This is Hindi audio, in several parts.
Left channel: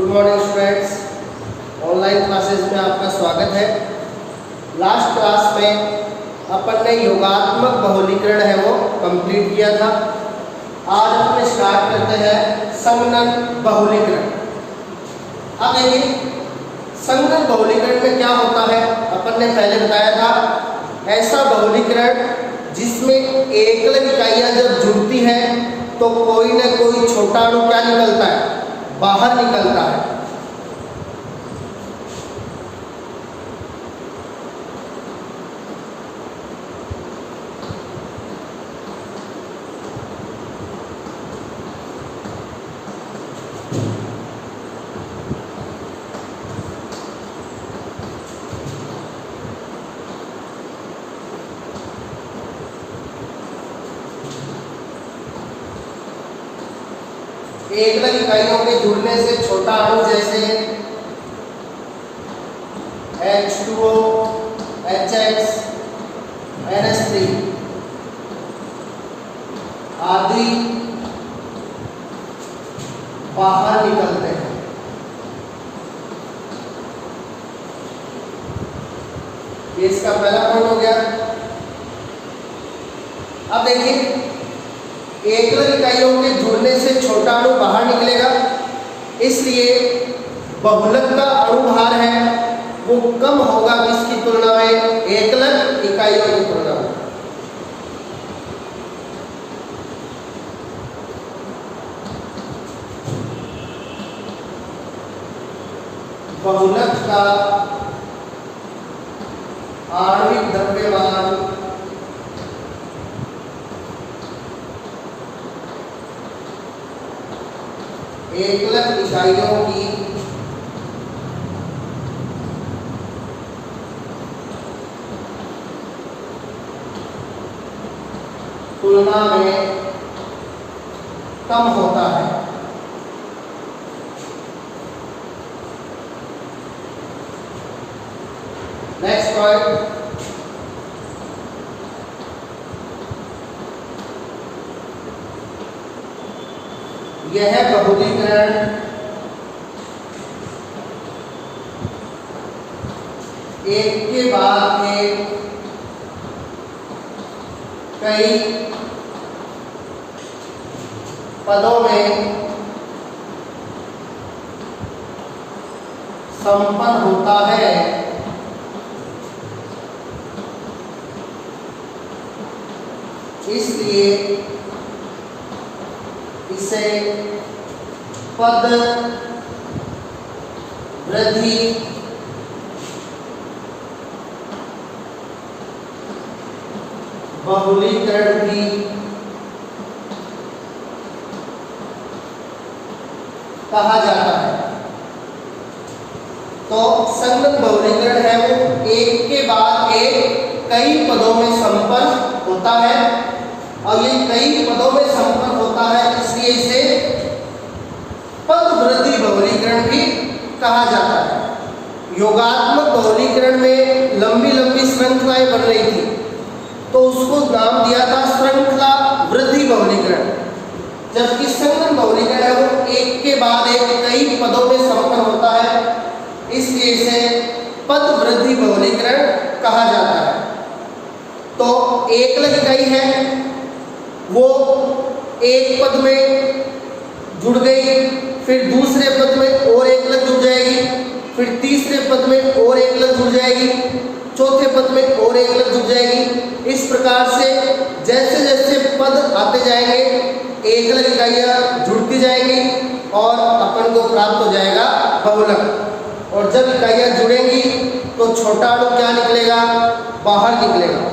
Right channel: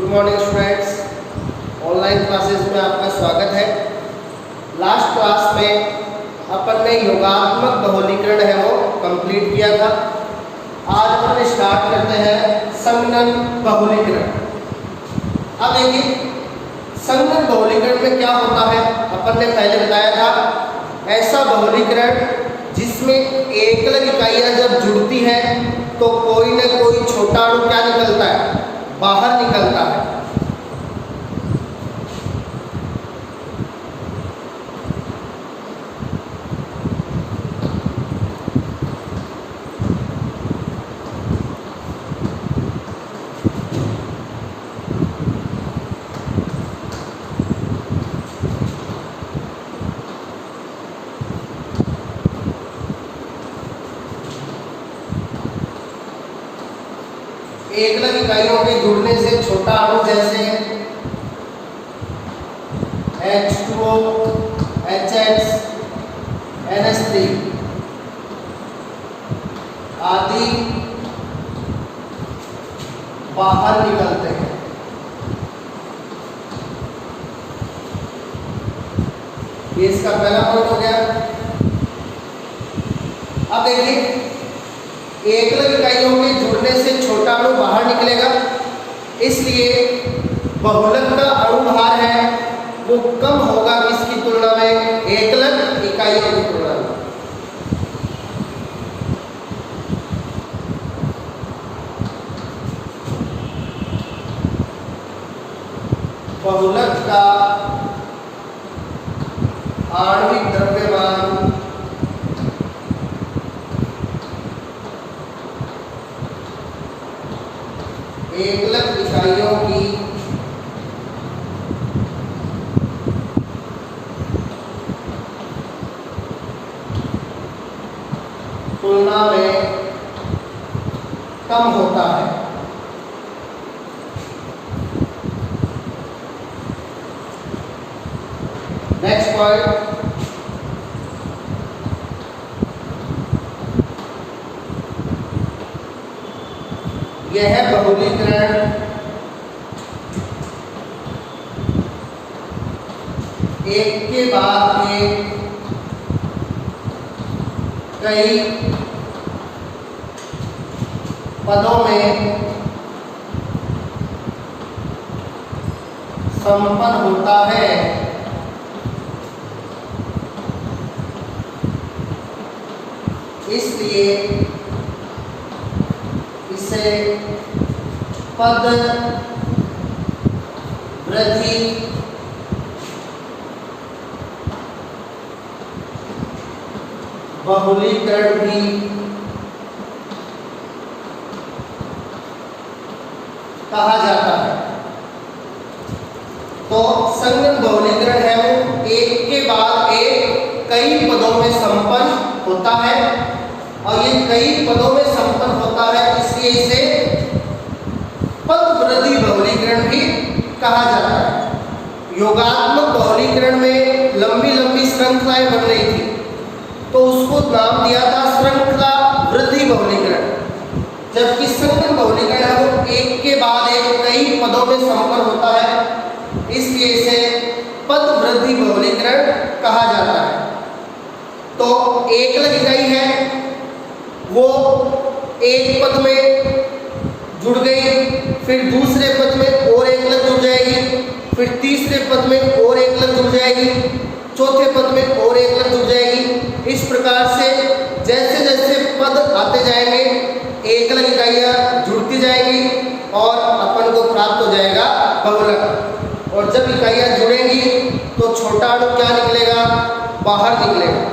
Good morning students, online classes में आपका स्वागत है। लास्ट क्लास में अपन ने योगात्मक बहुलीकरण है वो कंप्लीट किया था। आज अपन स्टार्ट करते हैं संगणन बहुलीकरण। अब देखिए संगणन बहुलीकरण में क्या होता है, अपन ने पहले बताया था ऐसा बहुलीकरण जिसमें एकल इकाइयां जब जुड़ती हैं तो कोई ना कोई छोटा अणु क्या निकलता है, बाहर निकलता है। एकल इकाइयों के जुड़ने से छोटा अणु जैसे H2O, HX, NH3 आदि बाहर निकलते हैं। ये इसका पहला पॉइंट हो गया। अब देखिए एकल इकाइयों के जुड़ने से छोटा अणु बाहर निकलेगा, इसलिए बहुलक का अणुभार है वो कम होगा किसकी तुलना में, एकलक इकाइयों की तुलना में। बहुलक का आणविक द्रव्यमान एकलक इकाइयों की तुलना में कम होता है। नेक्स्ट पॉइंट, यह बहुलीकरण एक के बाद एक कई पदों में संपन्न होता है। इसलिए इसे पद वृद्धि बहुलीकरण भी कहा जाता है। तो संगणन बहुलीकरण है वो एक के बाद एक कई पदों में संपन्न होता है, और ये कई पदों में संपन्न होता है, इसलिए इसे पद वृद्धि बहुलीकरण भी कहा जाता है। योगात्मक बहुलीकरण में लंबी लंबी श्रृंखलाएं बन रही थी तो उसको नाम दिया था श्रृंखला वृद्धि बहुलीकरण, जबकि संगणन बहुलीकरण है वो एक के बाद एक कई पदों में संपन्न होता है, इसलिए इसे पद वृद्धि बहुलीकरण कहा जाता है। तो एकल इकाई है वो एक पद में जुड़ गई, फिर दूसरे पद में और एकलक जुड़ जाएगी, फिर तीसरे पद में और एकलक जुड़ जाएगी, चौथे पद में और एकलक जुड़ जाएगी। इस प्रकार से जैसे जैसे पद आते जाएंगे एकलक इकाइयां जुड़ती जाएंगी और अपन को प्राप्त हो जाएगा बहुलक। और जब इकाइयां जुड़ेंगी तो छोटा अणु क्या निकलेगा, बाहर निकलेगा।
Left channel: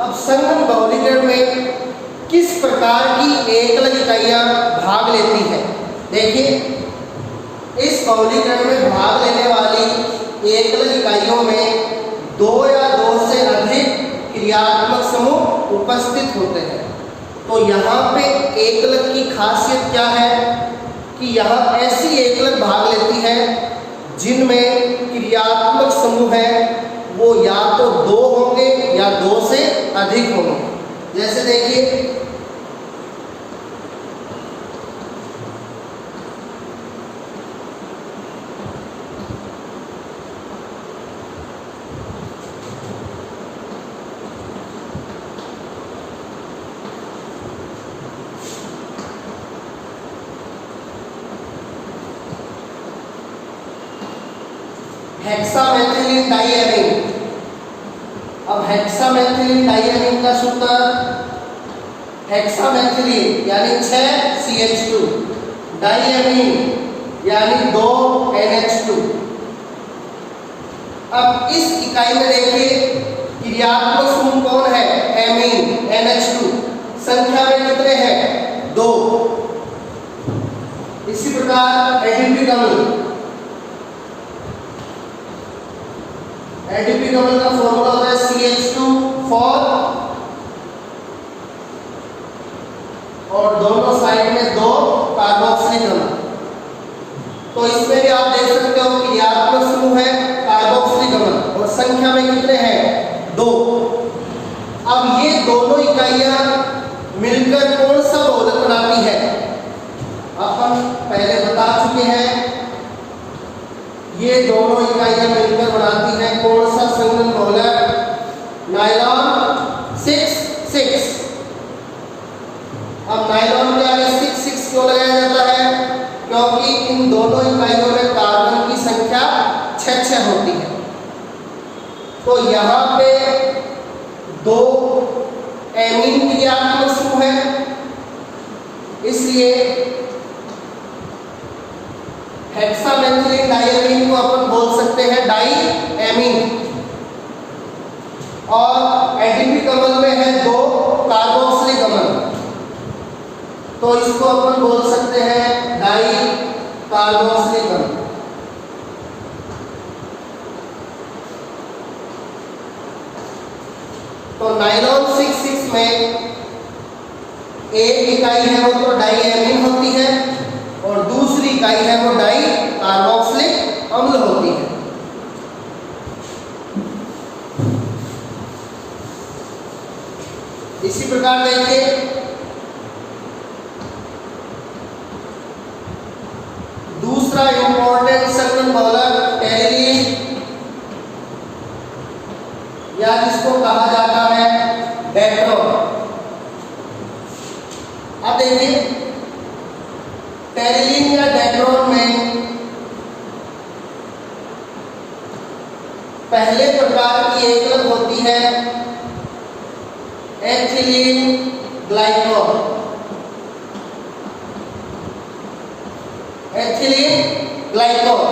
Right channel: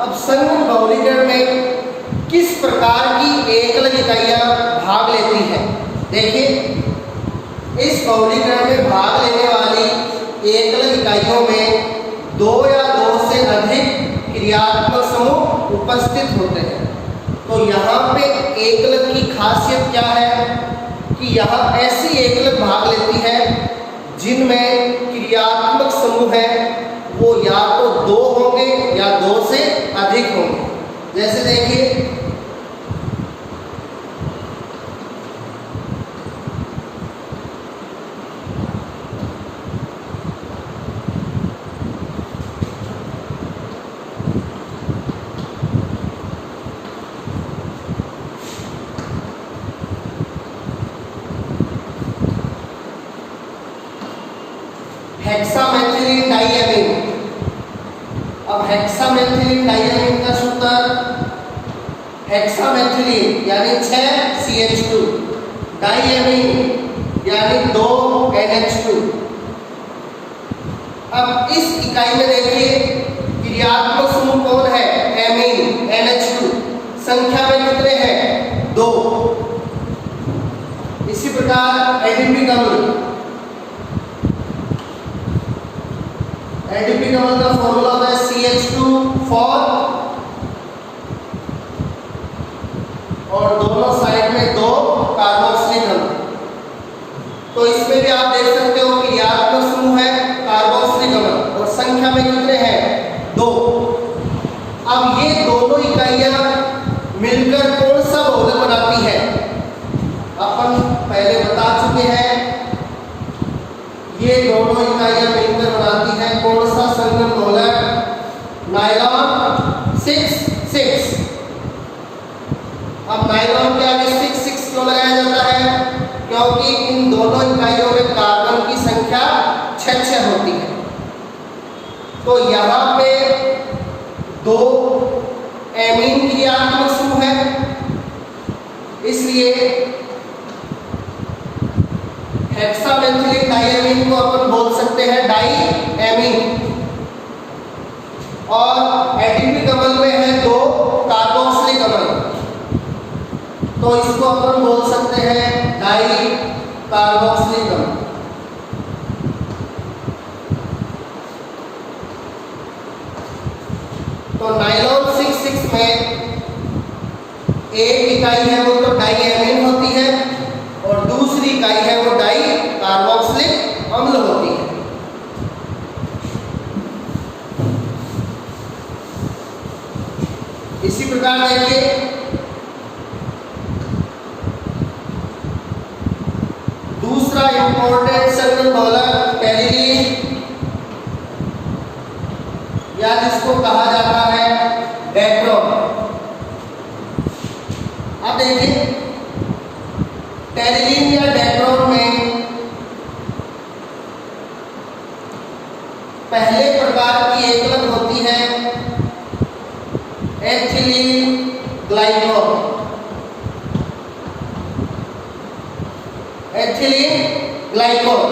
अब संगम बहुलीकरण में किस प्रकार की एकल इकाइयां भाग लेती हैं? देखिए, इस बहुलीकरण में भाग लेने वाली एकल इकाइयों में 2 या 2 से अधिक क्रियात्मक समूह उपस्थित होते हैं। तो यहाँ पे एकलक की खासियत क्या है कि यहाँ ऐसी एकलक भाग लेती है जिनमें क्रियात्मक समूह है वो या तो 2 होंगे या 2 से अधिक होंगे। जैसे देखिए, हेक्सामेथिलीन डाइएमीन। अब हेक्सामेथिलीन डाइएमीन का सूत्र, हेक्सामेथिलीन यानी 6 CH2, डाइएमीन यानी 2 NH2। अब इस इकाई में देखिए क्रियात्मक समूह कौन है? Amine, NH2। संख्या में कितने हैं? 2। इसी प्रकार एडीपी कमल, एडीपी कमल का फॉर्मूला होता है CH2 और दोनों साइड में 2 कार्बोक्सिलिक अम्ल। तो इसमें भी आप देख सकते हो क्रियात्मक समूह है कार्बोक्सिलिक अम्ल और संख्या में कितने हैं? 2। अब ये दोनों इकाइयां मिलकर कौन सा बहुलक बनाती है? अपन पहले बता चुके हैं, ये दोनों इकाइयां मिलकर बनाती हैं कौन सा संगम बहुलक? नायलॉन 6,6। अब नायलॉन के आगे 6,6 क्यों लगाया जाता है? क्योंकि इन दोनों इकाइयों में कार्बन की संख्या 6 होती है। तो यहाँ पे 2 एमीन क्रियात्मक समूह है, इसलिए हेक्सामेथिलीन डाइएमीन को अपन बोल सकते हैं डाइएमीन। और एडीपी कमल में है 2 कार्बोक्सिलिक अम्ल, तो इसको अपन बोल सकते हैं डाई कार्बोक्सिलिक अम्ल। तो नायलॉन 6,6 में एक इकाई है वो तो डाइएमीन होती है और दूसरी इकाई है वो डाई कार्बोक्सिलिक अम्ल होती है। इसी प्रकार देखिए, दूसरा इंपॉर्टेंट संगम बहुलक टेरिलीन या जिसको कहा जाता है डेट्रोन। अब देखिए, टेरिलीन या डेट्रोन में पहले प्रकार की एकलक होती है एथिलीन ग्लाइकोल। Ethylene glycol.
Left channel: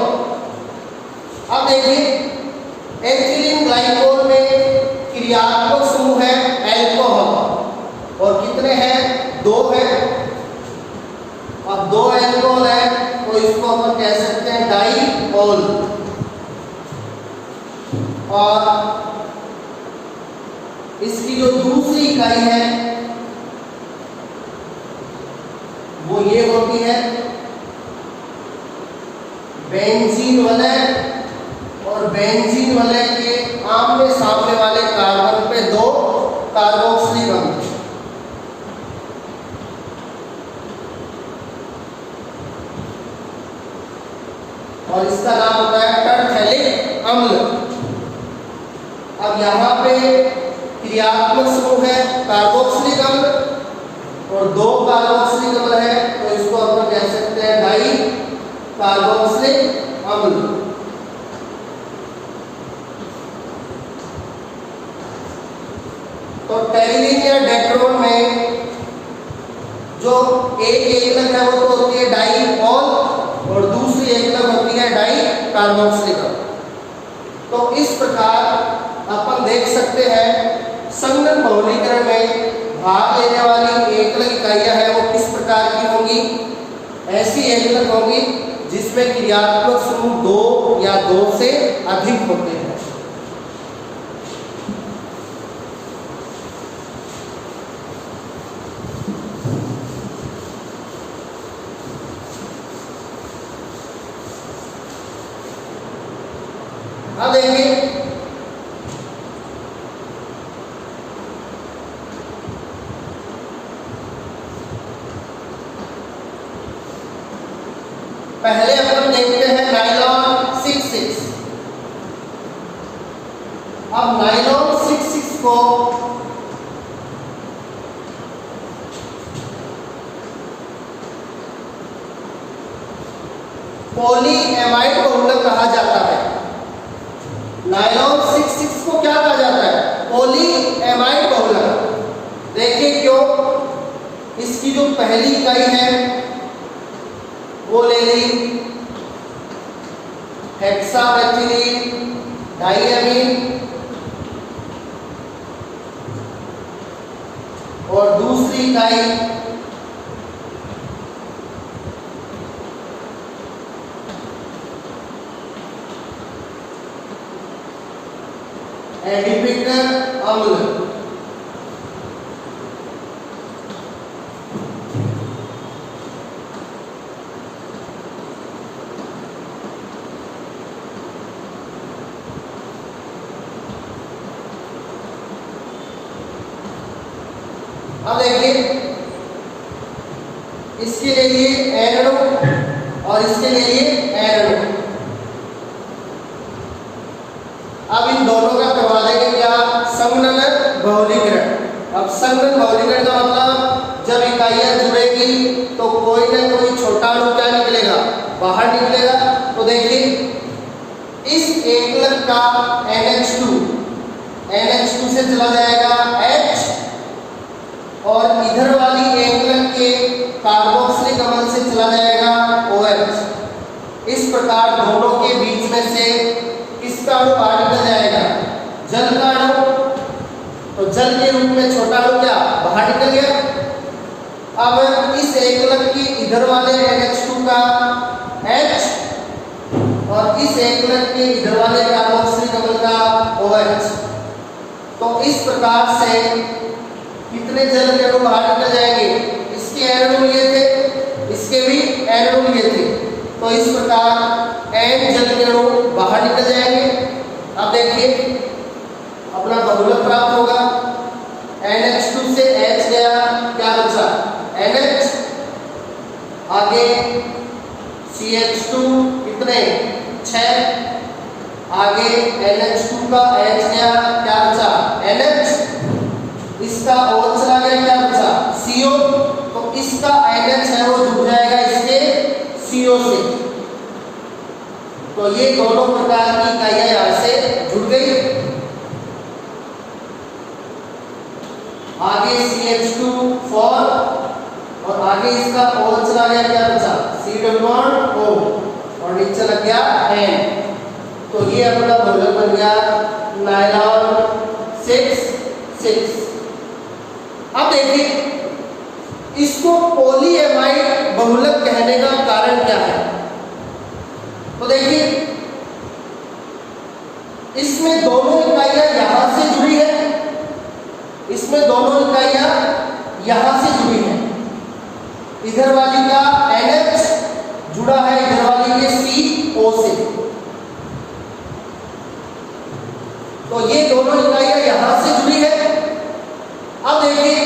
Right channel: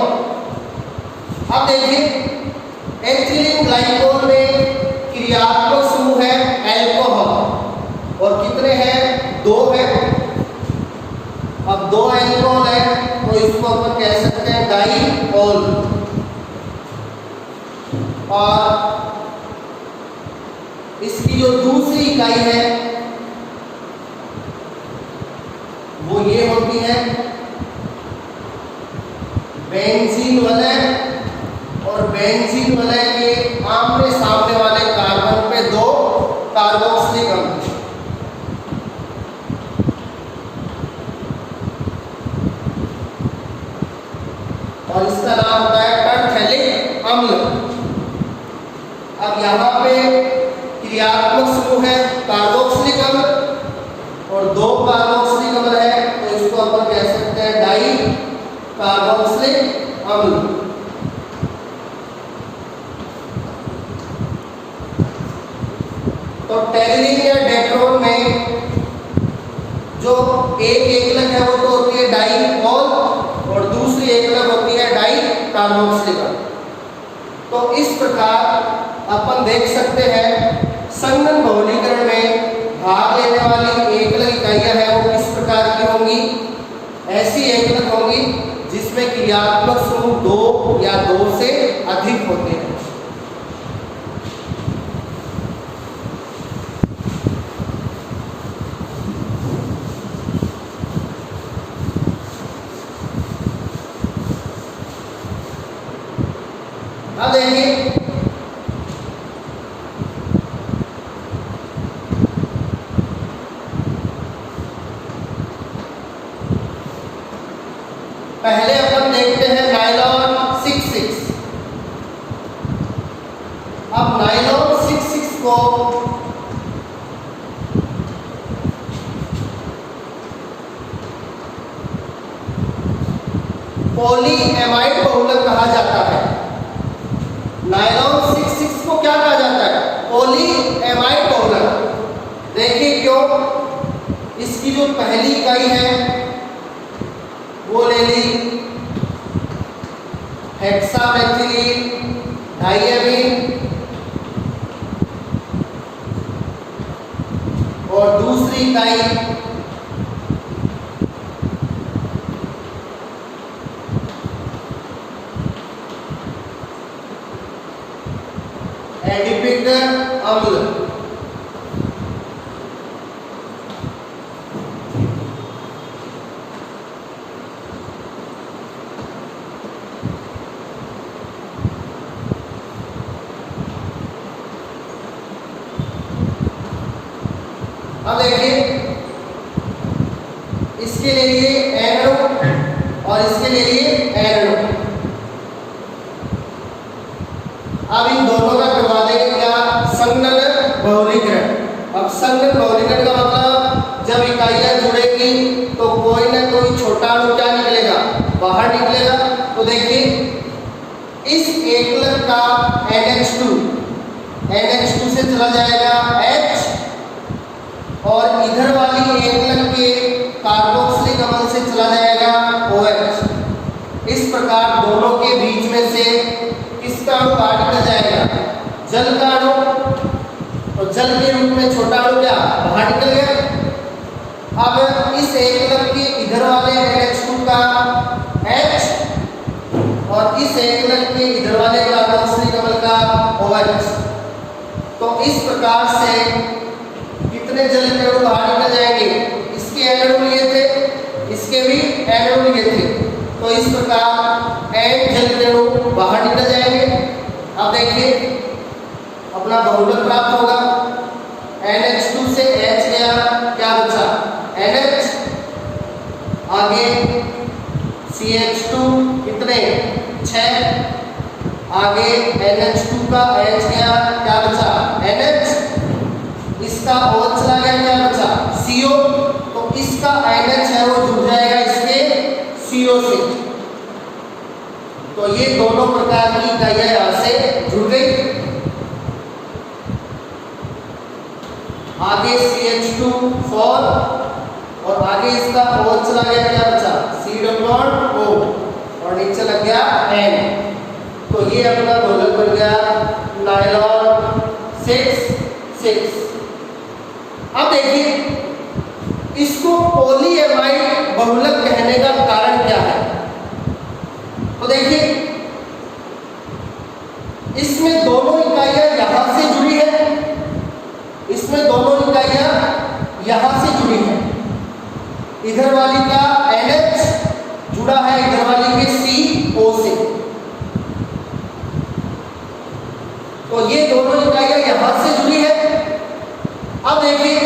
अब देखिए, एथिलीन ग्लाइकोल में क्रियात्मक समूह है अल्कोहल और कितने हैं? 2 है। अब 2 अल्कोहल है तो इसको अपन कह सकते हैं डाइओल। और इसकी जो दूसरी इकाई है वो ये होती है बेंजीन वलय, और बेंजीन वलय के आमने सामने वाले कार्बन पे 2 कार्बोक्सिलिक अम्ल। और इसका नाम होता है टरफेलिक अम्ल। अब यहाँ पे क्रियात्मक समूह है कार्बोक्सिलिक अम्ल और 2 कार्बोक्सिलिक अम्ल है, तो इसको अपन कह सकते हैं डाई कार्बोक्सिलिक अम्ल। तो टेरिलीन या डेट्रोन में जो एक एकलक है वो तो होती है डाइओल और दूसरी एकलक होती है डाई कार्बोक्सिलिक अम्ल। तो इस प्रकार अपन देख सकते हैं संघनन बहुलीकरण में भाग लेने वाली एकलक इकाइयां हैं वो किस प्रकार की होंगी। ऐसी एकलक होंगी जिसमें क्रियात्मक समूह 2 या 2 से अधिक होते हैं। अब देखिए पहले अपन देखते हैं नायलॉन 6-6। अब नायलॉन 6-6 को पॉलीएमाइड बहुलक कहा जाता है। नायलॉन 6-6 को क्या कहा जाता है? पॉलीएमाइड बहुलक। देखिए क्यों, इसकी जो पहली इकाई है वो ले ली हेक्सामेथिलीन डाइएमीन और दूसरी इकाई एडिपिक अम्ल। अब देखिए इसके लिए एन अणु और इसके लिए एन अणु। अब इन दोनों का करवा देंगे क्या? संघनन बहुलीकरण। अब संघनन बहुलीकरण का मतलब जब इकाइयां जुड़ेगी तो कोई ना कोई छोटा अणु क्या निकलेगा? बाहर निकलेगा। तो देखिए इस एकलक का NH2 से चला जाएगा H और इधर वाली एकलक के कार्बोक्सिलिक अम्ल से चला जाएगा OH। इस प्रकार दोनों के बीच में से किसका अणु बाहर निकल जाएगा? जल का अणु। तो जल के रूप में छोटा अणु क्या बाहर निकल गया। अब इस एकलक के इधर वाले NH2 का H और इस एकलक के इधर वाले कार्बोक्सिलिक अम्ल का OH। तो इस प्रकार से कितने जल के अणु बाहर निकल जाएंगे? इसके एन अणु लिए थे, इसके भी एन अणु लिए थे। तो इस प्रकार एन जल के अणु बाहर निकल जाएंगे। अब देखिए अपना बहुलक प्राप्त होगा। NH2 से H गया, क्या बचा? NH। आगे CH2 कितने? 6। आगे NH2 का H गया, क्या बचा? NH। इसका OH चला गया, क्या बचा? CO। तो इसका NH है वो जुड़ जाएगा इसके CO से। तो ये दोनों प्रकार की इकाइयां यहां से जुड़ गई। आगे CH2 और आगे इसका OH चला गया, क्या बचा? C≡O और नीचे लग गया N। तो ये अपना बहुलक बन गया नायलॉन 6-6। अब देखिए इसको पॉलीएमाइड बहुलक कहने का कारण क्या है? तो देखिए इसमें दोनों इकाइयां यहां से जुड़ी है, इसमें दोनों इकाइयां यहां से जुड़ी है। इधर वाली का NH जुड़ा है इधर वाली के CO से। तो ये दोनों इकाइयां यहां से जुड़ी है। अब देखिए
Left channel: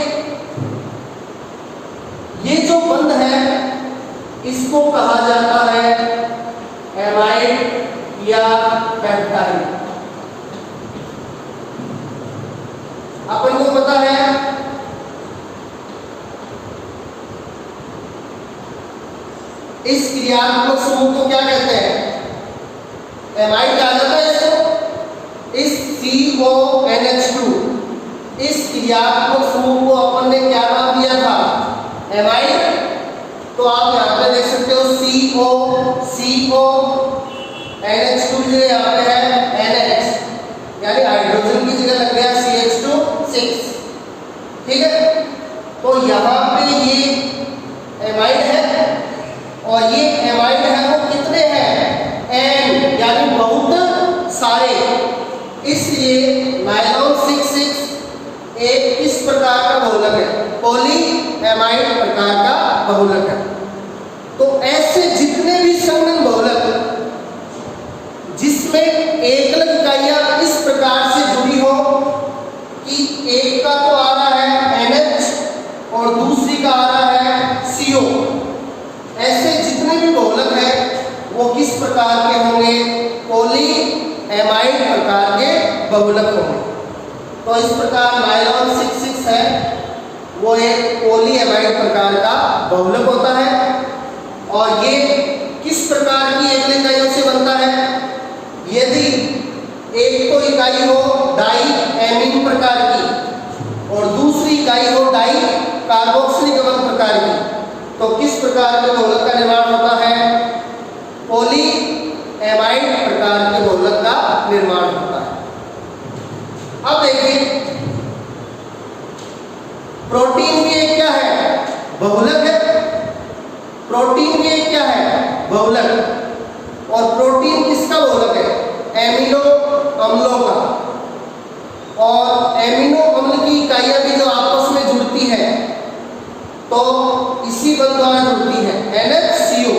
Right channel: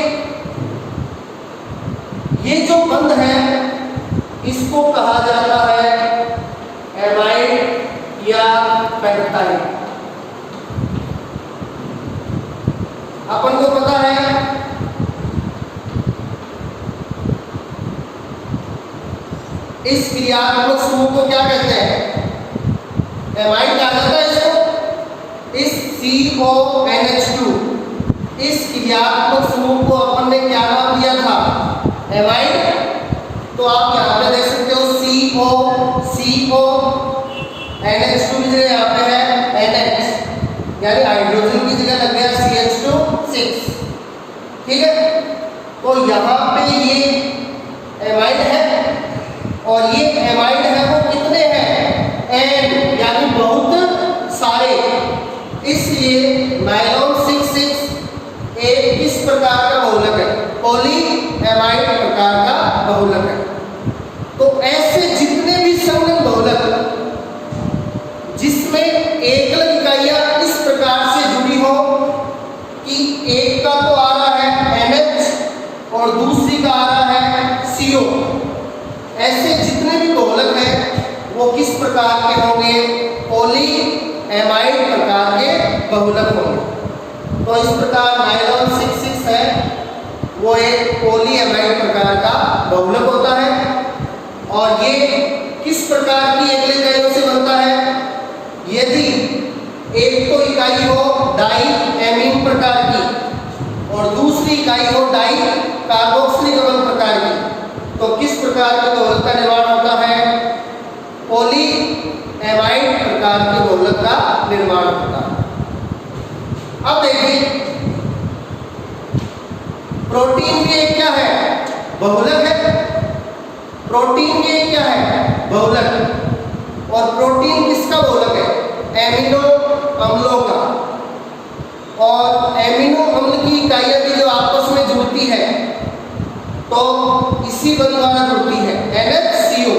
ये जो बंध है इसको कहा जाता है एमाइड या पेप्टाइड। अपन को पता है इस क्रियात्मक समूह को क्या कहते हैं? एमाइड कहा जाता है इसको। इस CONH2 इस क्रियात्मक समूह को अपन ने क्या नाम दिया था? एमाइड। तो आप यहाँ पे देख सकते हो CO NH2 यहाँ पे है NH। यानी हाइड्रोजन की जगह लग गया CH2 6। ठीक है, तो यहाँ पे ये एमाइड है और ये एमाइड है वो कितने हैं, N, यानी बहुत सारे, इसलिए नायलॉन 6 एक किस प्रकार का बहुलक है, पॉली एमाइड प्रकार का बहुलक है। तो ऐसे जितने भी संलग्न बहुलक जिसमें एकल इकाइयां इस प्रकार से जुड़ी हो कि एक का तो आ रहा है NH और दूसरी का आ रहा है CO, ऐसे जितने भी बहुलक हैं वो किस प्रकार के होंगे, पॉली एमाइड प्रकार के बहुलक होंगे। तो इस प्रकार नायलॉन 6 है वो एक पॉली एमाइड प्रकार का बहुलक होता है और ये किस प्रकार की एकल इकाइयों से बनता है, यदि एक तो इकाई हो डाई एमीन प्रकार की और दूसरी इकाई हो डाई कार्बोक्सिलिक प्रकार की, तो किस प्रकार के बहुलक का निर्माण होता है, पॉली एमाइड प्रकार के बहुलक का निर्माण होता है। अब देखिए प्रोटीन के क्या है, बहुलक है, प्रोटीन के क्या है, बहुलक, और प्रोटीन किसका बहुलक है, एमिनो अम्लों का, और एमिनो अम्ल की इकाइयां भी जो आपस में जुड़ती है तो इसी बंध द्वारा जुड़ती है NHCO,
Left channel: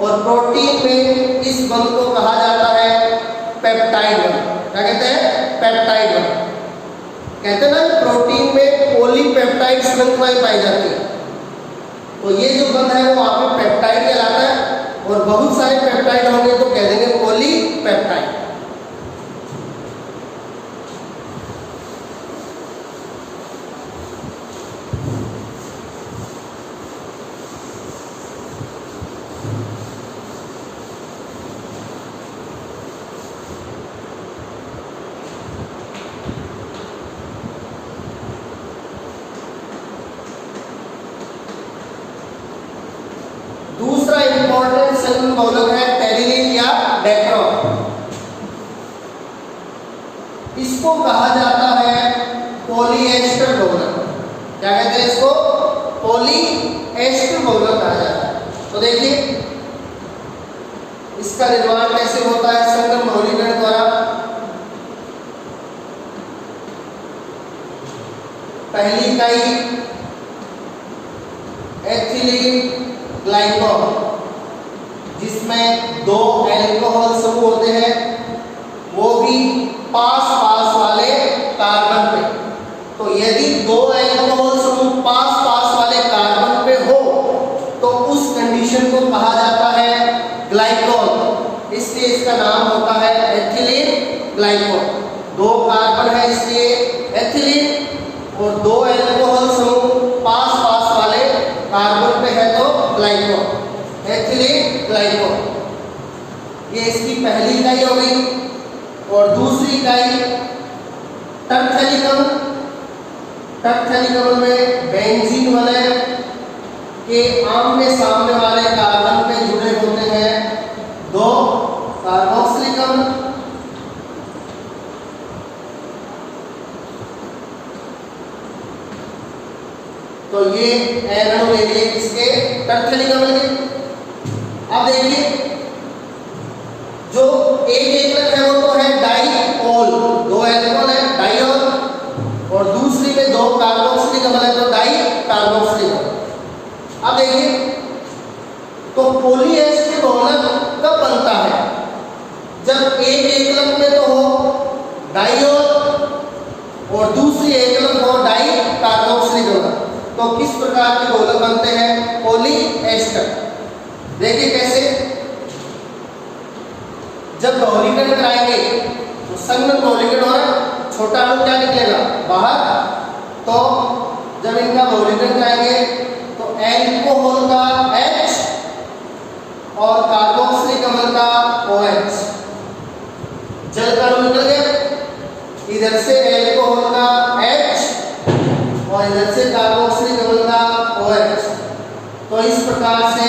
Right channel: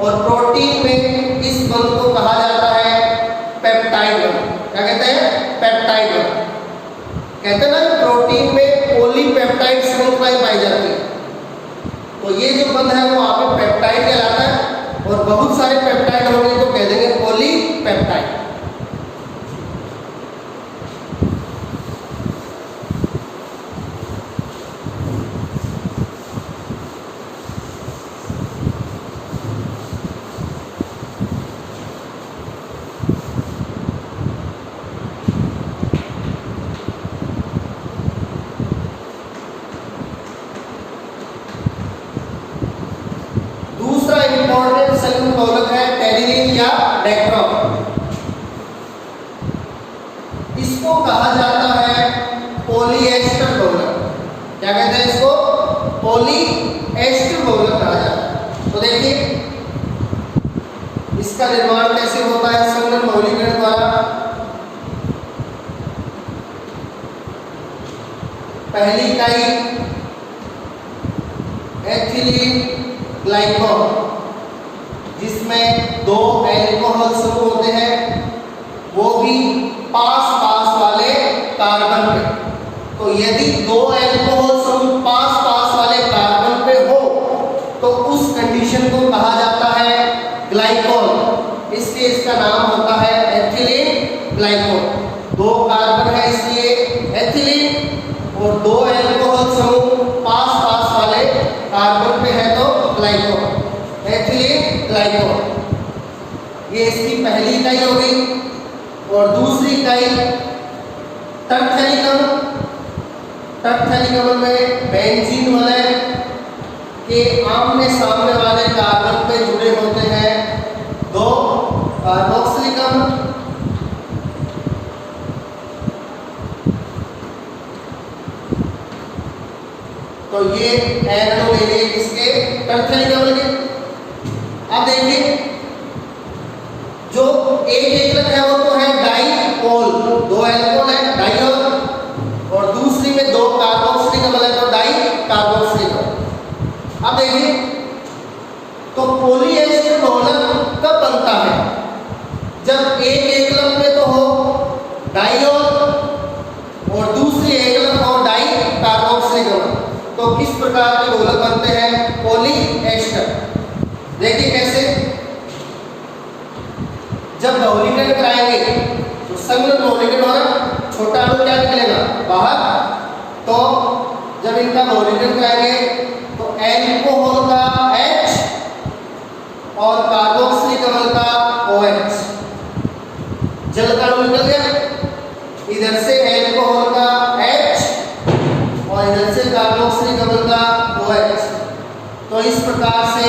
और प्रोटीन में इस बंध को कहा जाता है पेप्टाइड बंध। क्या कहते हैं, पेप्टाइड बंध। कहते हैं ना प्रोटीन में पॉलीपेप्टाइड श्रृंखलाएं पाई जाती है, तो ये जो बंध है वो वहां पे पेप्टाइड कहलाता है, और बहुत सारे पेप्टाइड होंगे तो कह देंगे पॉलीपेप्टाइड। दूसरा इंपॉर्टेंट संलग्न बहुलक है टेरिलिन या डेक्ट्रॉन। इसको कहा जाता है पॉलीएस्टर बहुलक। क्या कहते हैं इसको, पॉलीएस्टर बहुलक कहा जाता है। तो देखिए इसका निर्माण कैसे होता है संलग्न बहुलीकरण द्वारा। पहली इकाई एथिलीन ग्लाइकॉल, जिसमें दो एल्कोहल समूह होते हैं, वो भी पास पास वाले कार्बन पे। तो यदि दो एल्कोहल समूह पास पास वाले कार्बन पे हो तो उस कंडीशन को कहा जाता है ग्लाइकॉल, इसलिए इसका नाम होता है एथिलीन ग्लाइकॉल। दो कार्बन है इसलिए एथिलीन, और दो एल्कोहल समूह पास पास वाले कार्बन पे है तो ग्लाइकॉल, एथिलीन ग्लाइकॉल। ये इसकी पहली इकाई हो गई। और दूसरी इकाई टरथैलिक अम्ल। टरथैलिक अम्ल में बेंजीन वलय के आमने सामने वाले कार्बन पे जुड़े होते हैं दो कार्बोक्सिलिक अम्ल, तो ये एनो ले लिए इसके टरथैलिक अम्ल के। अब देखिए जो एक एकलक है वो तो है डाईओल, दो एल्कोहल है डाईओल, और दूसरी में दो कार्बोक्सिलिक अम्ल है तो डाई कार्बोक्सिलिक अम्ल। अब देखिए तो पॉलीएस्टर बहुलक कब बनता है, जब एक एकलक में तो हो डाईओल और दूसरी एकलक हो डाई कार्बोक्सिलिक अम्ल। तो किस प्रकार के बहुलक बनते हैं, पॉलीएस्टर। देखिए कैसे, जब बहुलीकरण कराएंगे तो संलग्न बहुलीकरण होगा, छोटा अणु क्या निकलेगा बाहर, तो जब इनका बहुलीकरण कराएंगे तो एल्कोहल का H और कार्बोक्सिलिक अम्ल का OH, जल का अणु निकल गया, इधर से एल्कोहल का H और इधर से कार्बोक्सिलिक अम्ल का OH। तो इस प्रकार से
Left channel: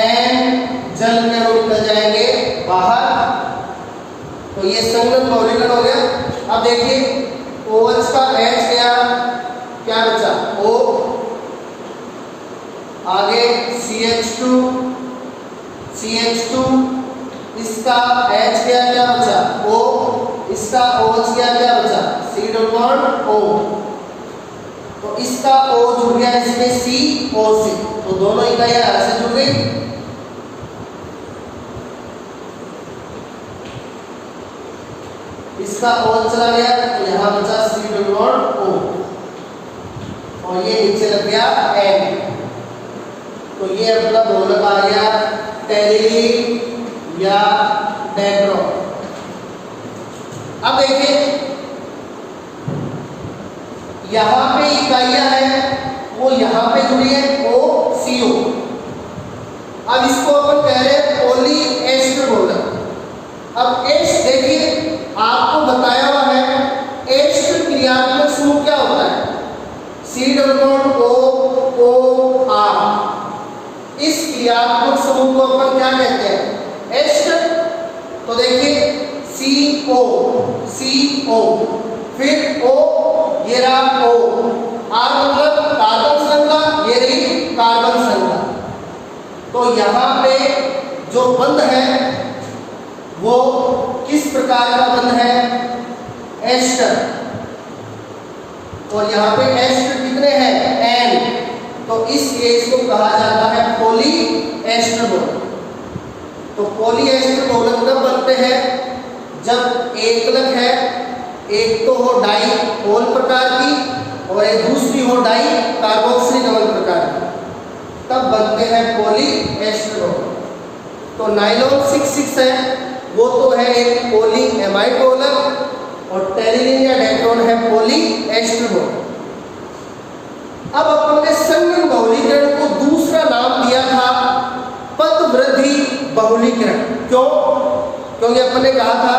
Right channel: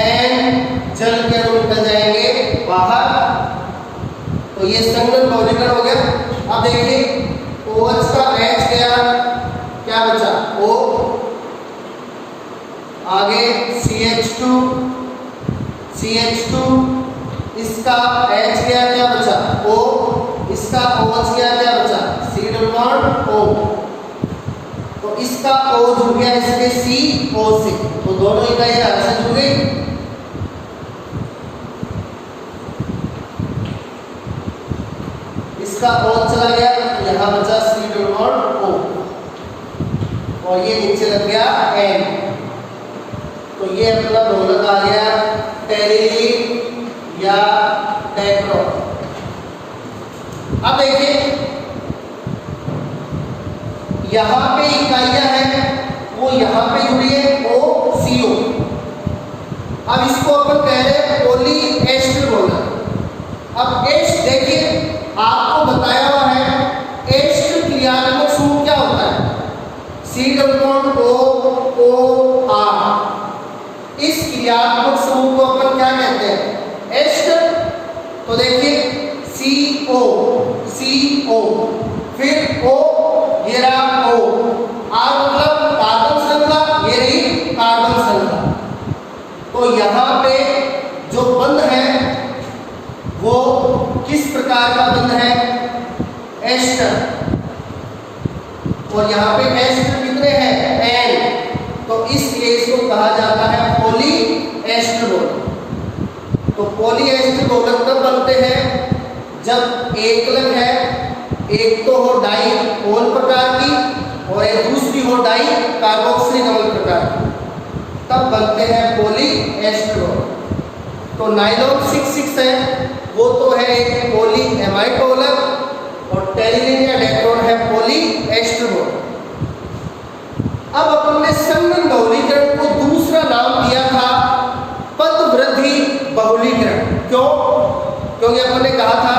N जल के अणु निकल जाएंगे बाहर, तो ये संगम बहुलीकरण हो गया। अब देखिए OH का H गया, क्या बचा O, आगे CH2, इसका H गया, क्या बचा O, इसका OH गया, क्या बचा C डबल बॉन्ड O, तो इसका O जुड़ गया इसमें CO से, तो दोनों इकाइयां आपस में जुड़ गई। इसका O चला गया, यहाँ बचा C डबल बॉन्ड O, और ये नीचे लग गया N, तो ये अपना बहुलक आ गया टेरिलीन या डेक्रोन। अब देखिए यहाँ पे इकाइयां हैं वो यहाँ पे जुड़ी है OCO। अब इसको अपन कह रहे हैं पॉली एस्टर बहुलक। अब एस्ट देखिए आपको बताया हुआ है एस्ट क्रियात्मक समूह क्या होता है, C डबल बॉन्ड OR। इस क्रियात्मक समूह को अपन क्या कहते हैं, एस्टर। तो देखिए CO, फिर O, ये रहा O, R मतलब कार्बन श्रृंखला, ये रही कार्बन श्रृंखला। तो यहाँ पे जो बंध है वो किस प्रकार का बंध है, एस्टर, और यहाँ पे एस्टर कितने हैं N, तो इस केस को कहा जाता है पॉली एस्टर बहुलक। तो पॉली एस्टर बहुलक तब बनते हैं जब एकलक है, एक तो हो डाई ओल प्रकार की और एक दूसरी हो डाई कार्बोक्सिलिक अम्ल प्रकार की, तब बनते हैं पॉली एस्टर बहुलक। तो नाइलॉन 6,6 है वो तो है एक पॉली एमाइड बहुलक, और टेरिलीन या डेक्रोन है पॉली एस्टर बहुलक। अब अपन ने संगम बहुलीकरण को दूसरा नाम दिया था पदवृद्धि बहुलीकरण। क्यों? क्योंकि अपन ने कहा था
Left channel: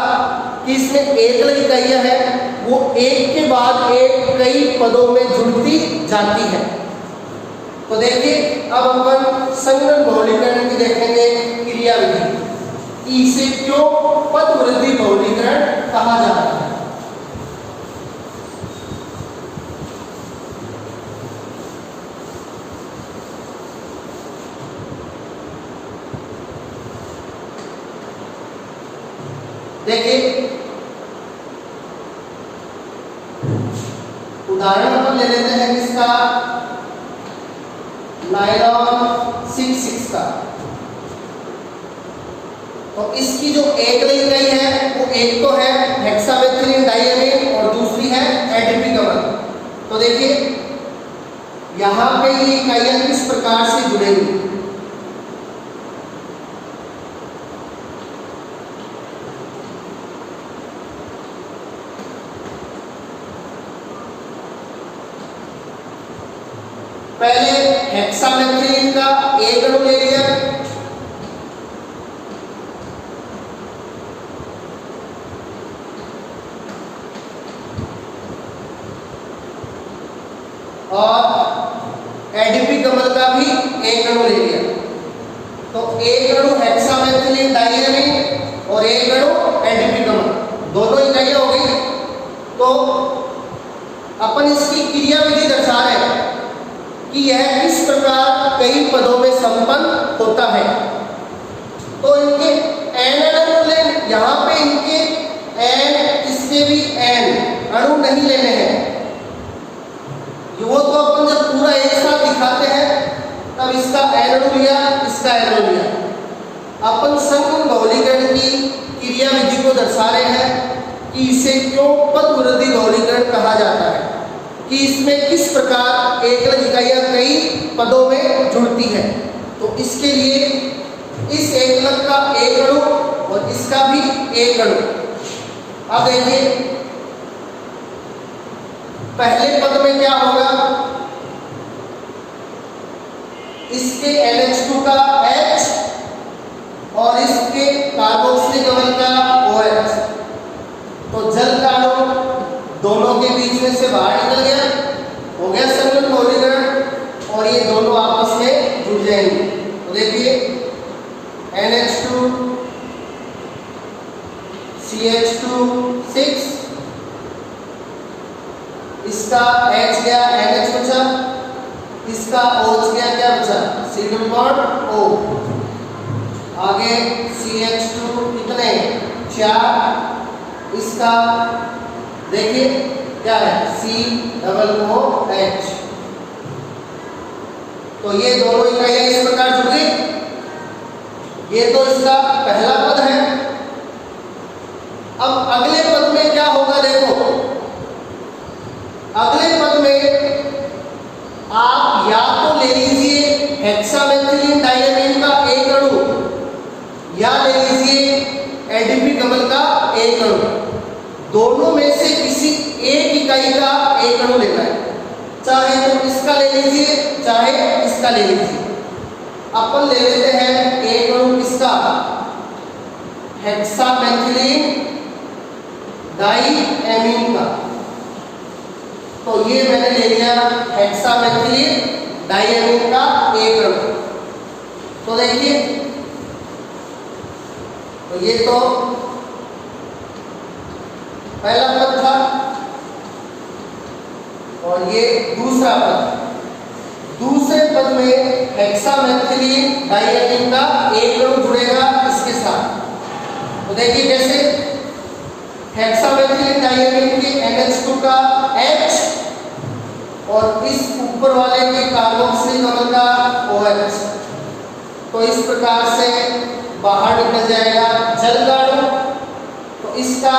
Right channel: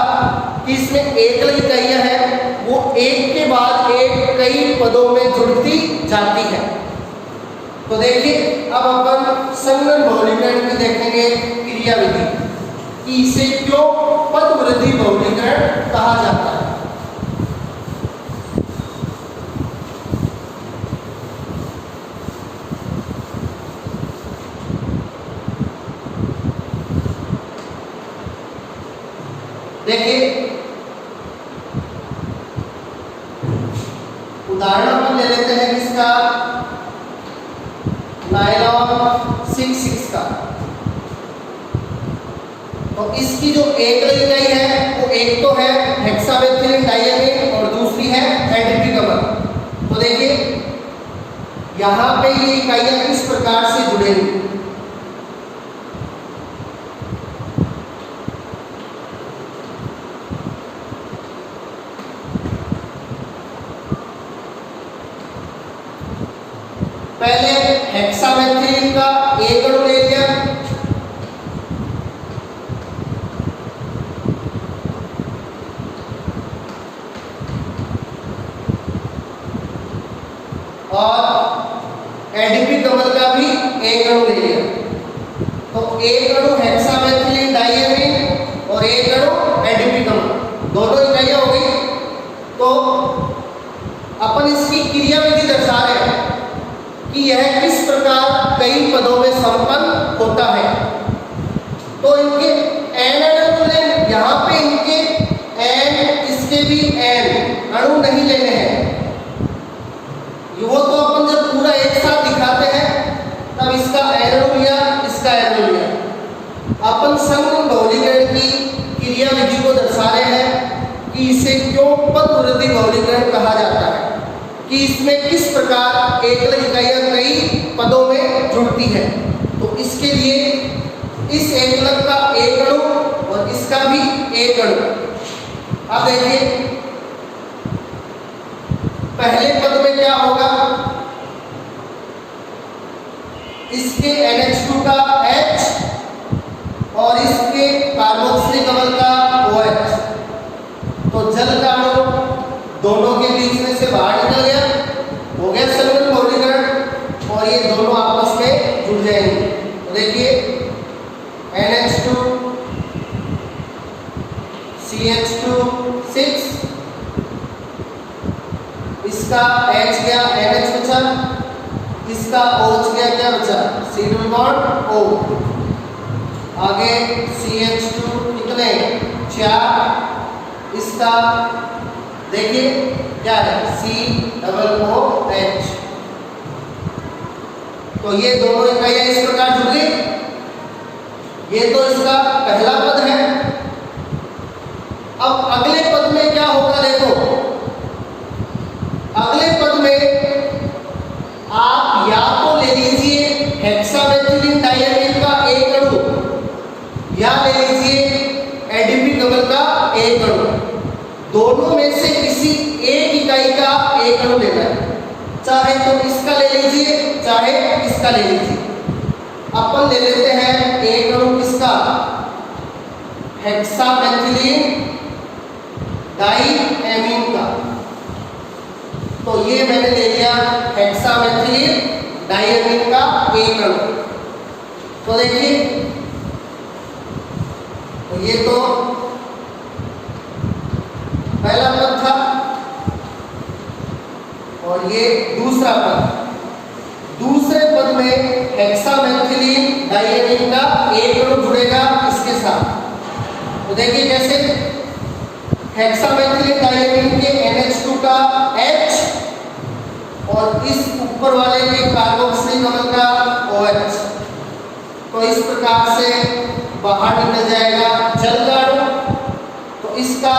कि इसमें एकल इकाइयां हैं वो एक के बाद एक कई पदों में जुड़ती जाती है। तो देखिए अब अपन संगम बहुलीकरण की देखेंगे क्रियाविधि कि इसे क्यों पदवृद्धि बहुलीकरण कहा जाता है। देखिए उदाहरण हम ले लेते हैं किसका, नायलॉन 6,6 का। तो इसकी जो एक इकाई है वो एक तो है हेक्सामेथिलीन डाइअमीन और दूसरी है एडीपी कमल। तो देखिए यहाँ पे ये इकाइयां किस प्रकार से जुड़ेंगी। पहले हेक्सामेथिलीन का एक अणु ले लिया, और एडीपी कमल का भी एक अणु ले लिया। तो एक अणु हेक्सामेथिलीन डाइअमीन और एक अणु एडीपी कमल, दोनों इकाइयां हो गई। तो अपन इसकी क्रियाविधि दर्शा रहे हैं कि यह किस प्रकार कई पदों में संपन्न होता है। तो इनके एन यहाँ पे इनके एन, इसके भी एन अणु नहीं लेने हैं। वो तो अपन जब पूरा एक साथ दिखाते हैं तब इसका एन अणु लिया, इसका एन अणु लिया। अपन संगम बहुलीकरण की क्रियाविधि को दर्शा रहे हैं कि इसे क्यों पदवृद्धि बहुलीकरण कहा जाता है, कि इसमें किस प्रकार एकल इकाइयां कई पदों में जुड़ती है। तो इसके लिए इस एकलक का एक अणु और इसका भी एक अणु। अब देखिए पहले पद में क्या होगा, इसके NH2 का H और इसके कार्बोक्सिलिक अम्ल का OH। तो जल का अणु दोनों के बीच में से बाहर निकल गया, हो गया संगम बहुलीकरण, और ये दोनों आपस में जुड़ जाएंगे। तो देखिए NH2 CH2 6, इसका H गया NH बचा, इसका OH गया क्या बचा C डबल बॉन्ड O। आगे CH2 कितने 4, इसका देखिए क्या है C डबल OH। तो ये दोनों इकाइयां इस प्रकार जुड़ गई। ये तो इसका पहला पद है। अब अगले पद में क्या होगा देखो, अगले पद में आप या तो ले लीजिए हेक्सामेथिलीन डायमीन का एक अणु या ले लीजिए एडीपी डबल का एक अणु, दोनों में से किसी एक इकाई का एक अणु लेना है। चाहे तो इसका ले लीजिए चाहे इसका ले लीजिए। अपन ले लेते हैं एक अणु किसका, हेक्सामेथिलीन डायमीन का। तो ये मैंने ले लिया हेक्सामेथिलीन डायमीन का एक अणु। तो देखिए, तो ये तो पहला पद था और ये दूसरा पद। दूसरे पद में हेक्सामेथिलीन डायमीन का एक अणु जुड़ेगा इसके साथ। तो देखिए कैसे, हेक्सामेथिलीन डायमीन के NH2 का H और इस ऊपर वाले के कार्बोक्सिलिक अम्ल का OH। तो इस प्रकार से बाहर निकल जाएगा जल का अणु। तो इसका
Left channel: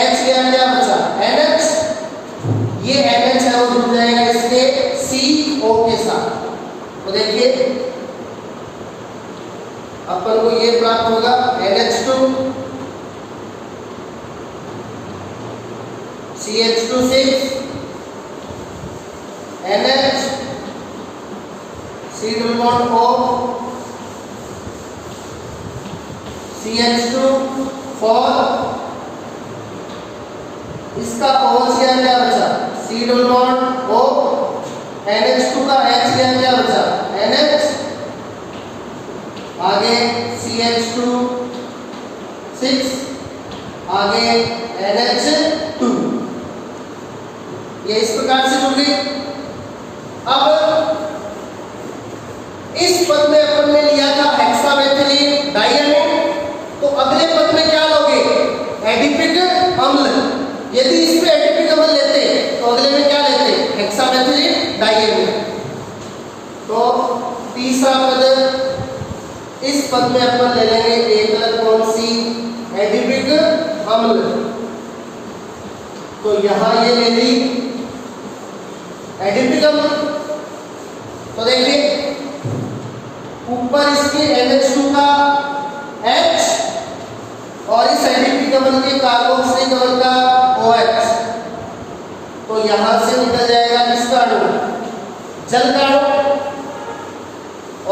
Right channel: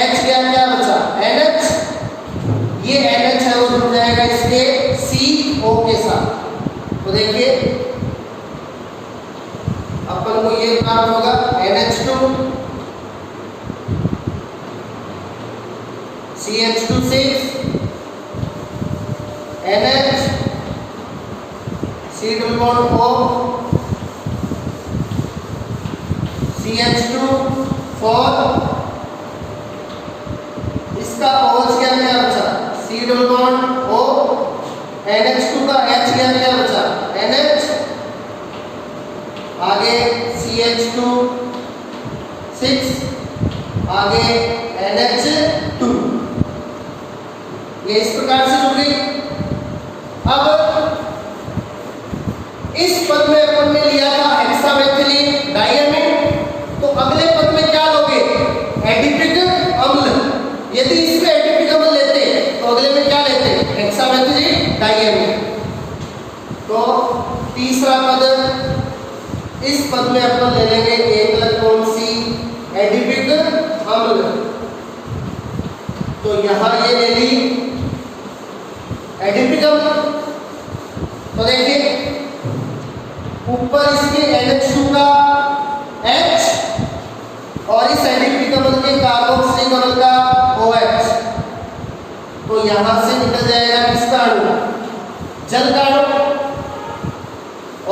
H क्या बचा NH, ये NH है वो जुड़ जाएगा इसके CO के साथ। तो देखिए अपन को ये प्राप्त होगा NH2 CH2 6 NH C double bond O CH2 4, इसका OH क्या बचा C double bond O, NH2 का H क्या बचा NH, आगे CH2 6, आगे NH2। ये इस प्रकार से जुड़ गई। अब इस पद में अपन ने लिया था हेक्सामेथिलीन डायमीन, तो अगले पद में क्या लोगे एडिपिक अम्ल। यदि इसमें एडिपिक अम्ल लेते तो अगले में क्या लेते हेक्सामेथिलीन डायमीन। तो तीसरा पद, इस पद में अपन ले लेंगे एक अलग कौन सी एडिपिक अम्ल। तो यहां ये ले ली एडिपिक अम्ल। तो देखिए ऊपर इसके NH2 का H और इस एडिपिक अम्ल के कार्बोक्सिलिक अम्ल का OH। तो यहां से निकल जाएगा किसका अणु जल का अणु,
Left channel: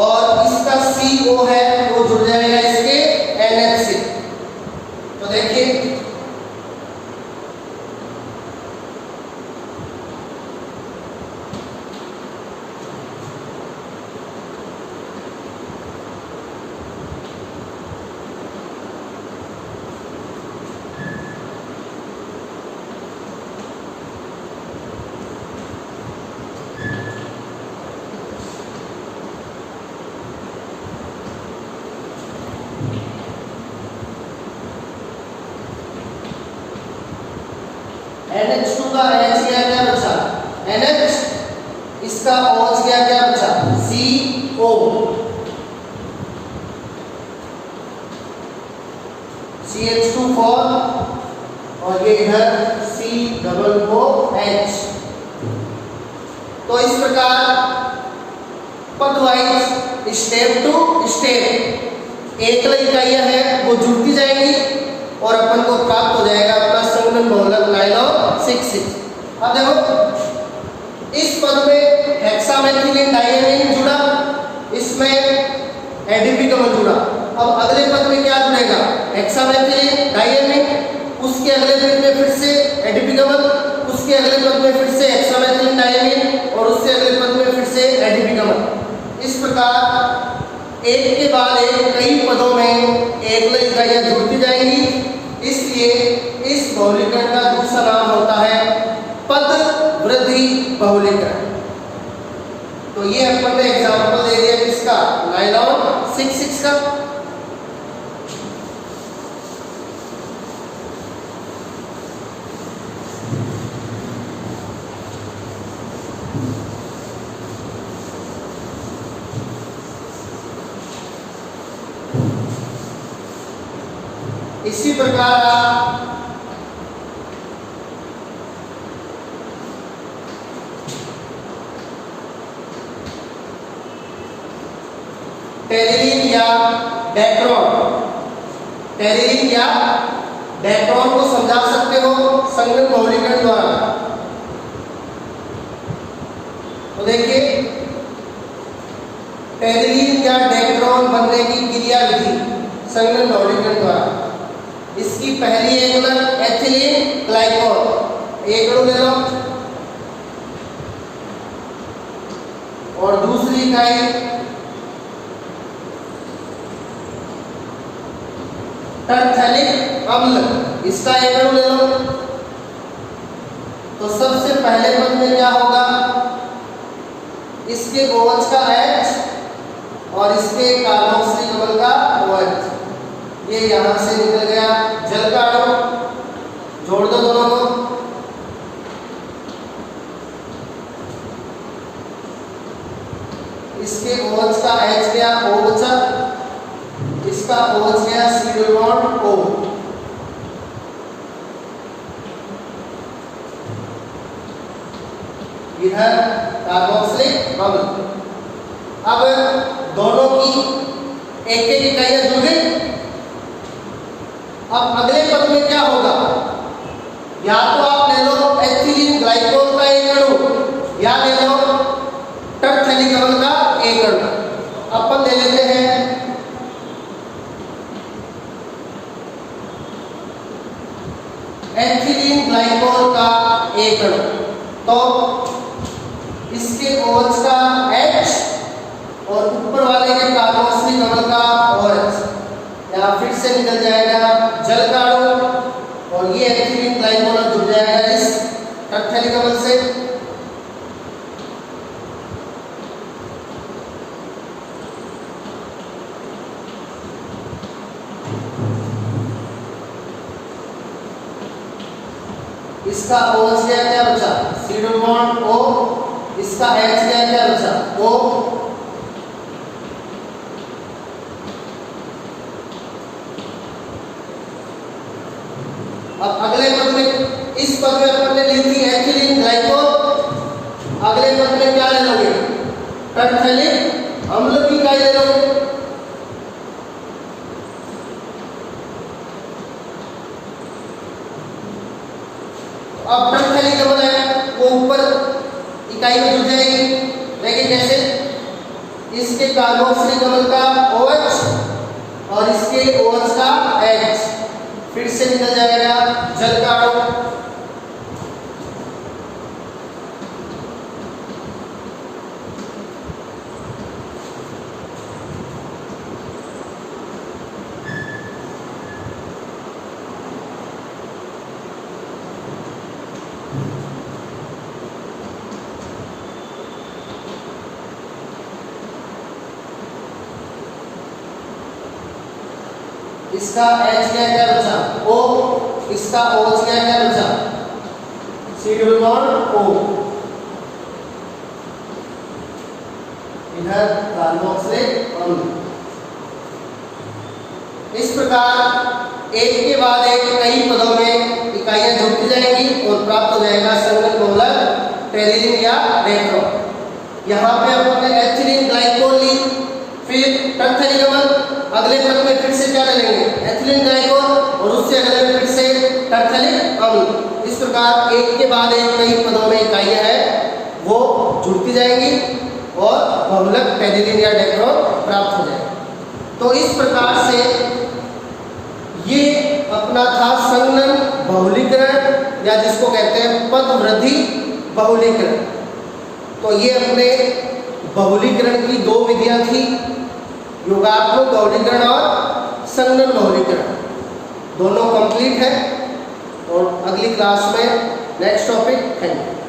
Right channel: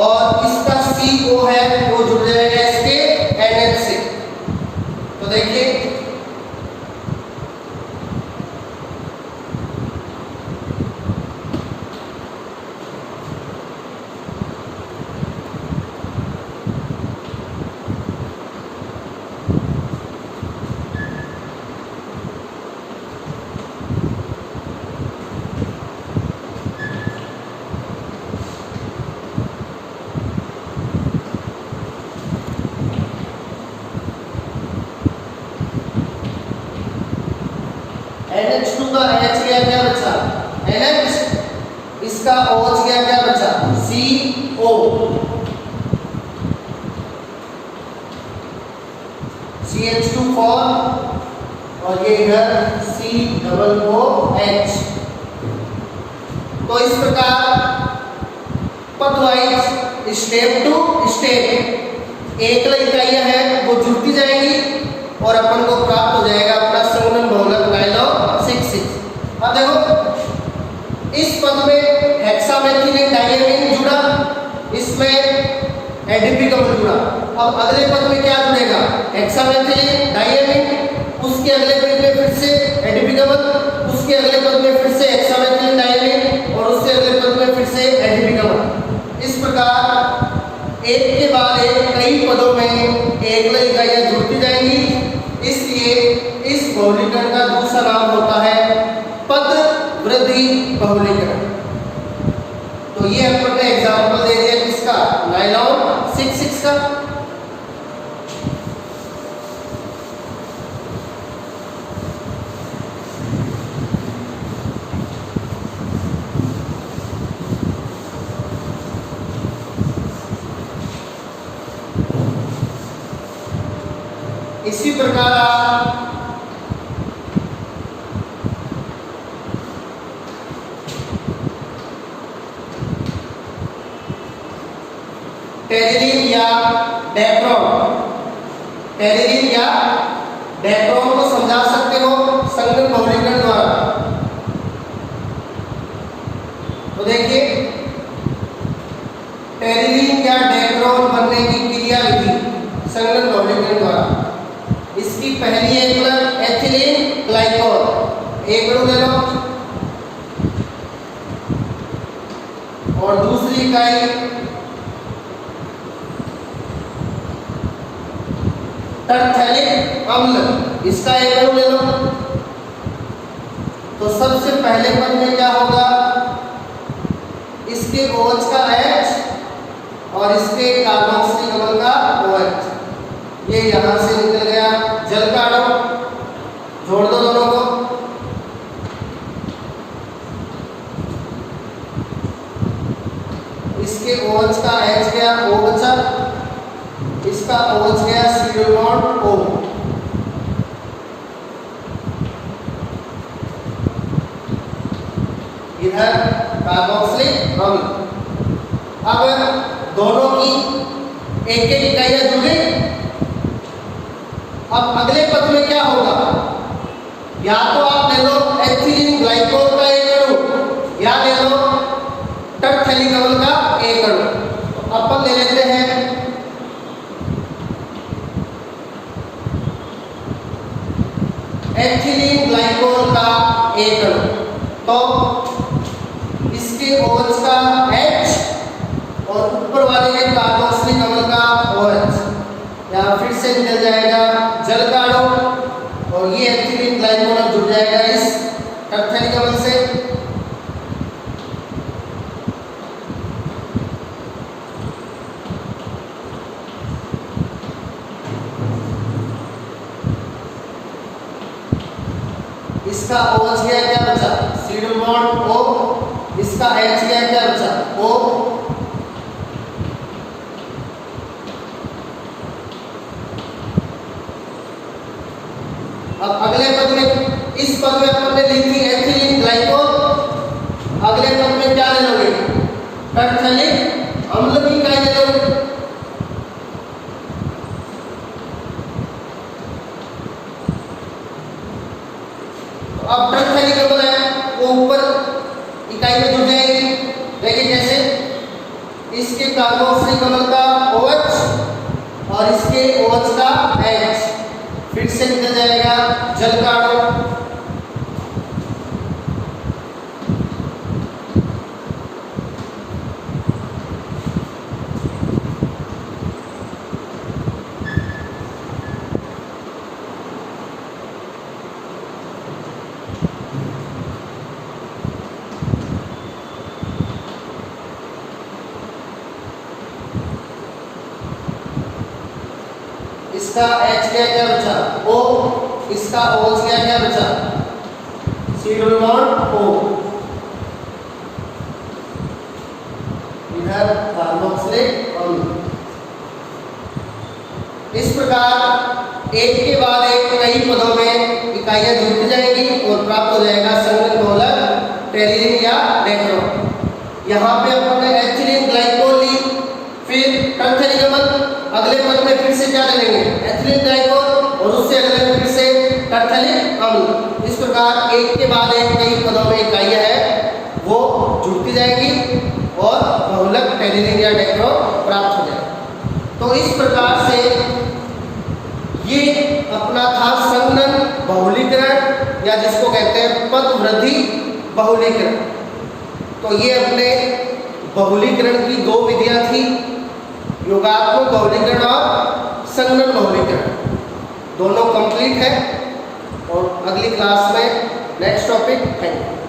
और इसका CO है वो जुड़ जाएगा इसके NH से। तो देखिए NH2 का H क्या बचा NH, इसका OH क्या बचा CO, CH2 4 और ये इधर C डबल OH। तो इस प्रकार पद वाइज स्टेप टू स्टेप एक इकाइयां हैं वो जुड़ती जाएंगी और अपन को प्राप्त हो जाएगा अपना संघनन बहुलक नायलॉन 6। अब देखो इस पद में हेक्सामेथिलीन डायमीन जुड़ा, इसमें एडीपी अम्ल जुड़ा। अब अगले पद में क्या जुड़ेगा हेक्सामेथिलीन डायमीन, उसके अगले पद में फिर से एडीपी अम्ल, उसके अगले पद में फिर से हेक्सामेथिलीन डायमीन और उससे अगले पद में फिर से एडीपी अम्ल। इस प्रकार एक के बाद एक कई पदों में एकल इकाइयां जुड़ती जाएंगी। इस बहुलीकरण का दूसरा नाम होता है पद वृद्धि बहुलीकरण। तो ये अपन ने एग्जाम्पल दे दिया किसका, नायलॉन 6 का। इसी प्रकार आप टेरिलीन या डेक्रोन, टेरिलीन या डेक्रोन को समझा सकते हो संगठन बहुलीकरण द्वारा। तो देखिए टेरिलीन या डेक्रोन बनने की क्रिया विधि संगठन बहुलीकरण द्वारा। इसकी पहली एकल एथिलीन ग्लाइकोल, एक अणु ले लो, और दूसरी इकाई टरथैलिक अम्ल, इसका एक अणु ले लो। तो सबसे पहले पद में क्या होगा, इसके OH का H और इसके कार्बोक्सिलिक अम्ल का OH, ये यहां से निकल गया जल का अणु, जोड़ दो दोनों को। इसके OH का H गया O बचा, इसका OH गया C बॉन्ड O। इधर कार्बोक्सिलिक अम्ल। अब दोनों की एक एक इकाइयां जुड़ गई। अब अगले पद में क्या होगा, या तो आप ले लो एथिलीन ग्लाइकोल का एक अणु या ले लो टरथैलिक अम्ल का एक अणु। अपन ले लेते हैं एथिलीन ग्लाइकोल का एक अणु। तो इसके OH का H और ऊपर वाले के कार्बोक्सिलिक अम्ल का OH, यहाँ फिर से निकल जाएगा जल का अणु और ये एथिलीन ग्लाइकोल जुड़ जाएगा इस टरथैलिक अम्ल से। इसका OH गया क्या बचा, C बॉन्ड O, इसका H गया क्या बचा O। अब अगले पद में, इस पद में अपन ने ली थी एथिलीन ग्लाइकोल, अगले पद में क्या ले लोगे, टरथैलिक अम्ल की इकाई ले लोगे। अब टरथैलिक अम्ल है वो ऊपर इकाई में जुड़ जाएगी। देखिए कैसे, इसके कार्बोक्सिलिक अम्ल का OH और इसके OH का H, फिर से निकल जाएगा जल का अणु। इसका H क्या बचा O, इसका OH क्या बचा C बॉन्ड O। इधर कार्बोक्सिलिक अम्ल। इस प्रकार एक के बाद एक कई पदों में इकाइयां जुड़ती जाएंगी और प्राप्त हो जाएगा संगठन बहुलक टेरिलीन या डेक्रोन। यहाँ पे अपने एथिलीन ग्लाइकोल ली, फिर टरथैलिक अम्ल, अगले पद में फिर से क्या ले लेंगे एथिलीन ग्लाइकोल और उससे अगले में फिर से टरथैलिक अम्ल। इस प्रकार एक के बाद एक कई पदों में इकाइयां हैं वो जुड़ती जाएंगी और बहुलक टेरिलीन या डेक्रोन प्राप्त हो जाएगा। तो इस प्रकार से ये अपना था संघनन बहुलीकरण या जिसको कहते हैं पद वृद्धि बहुलीकरण। तो ये अपने बहुलीकरण की दो विधियां थी, योगात्मक बहुलीकरण और संघनन बहुलीकरण। दोनों कंप्लीट है। और अगली क्लास में नेक्स्ट टॉपिक। Thank you.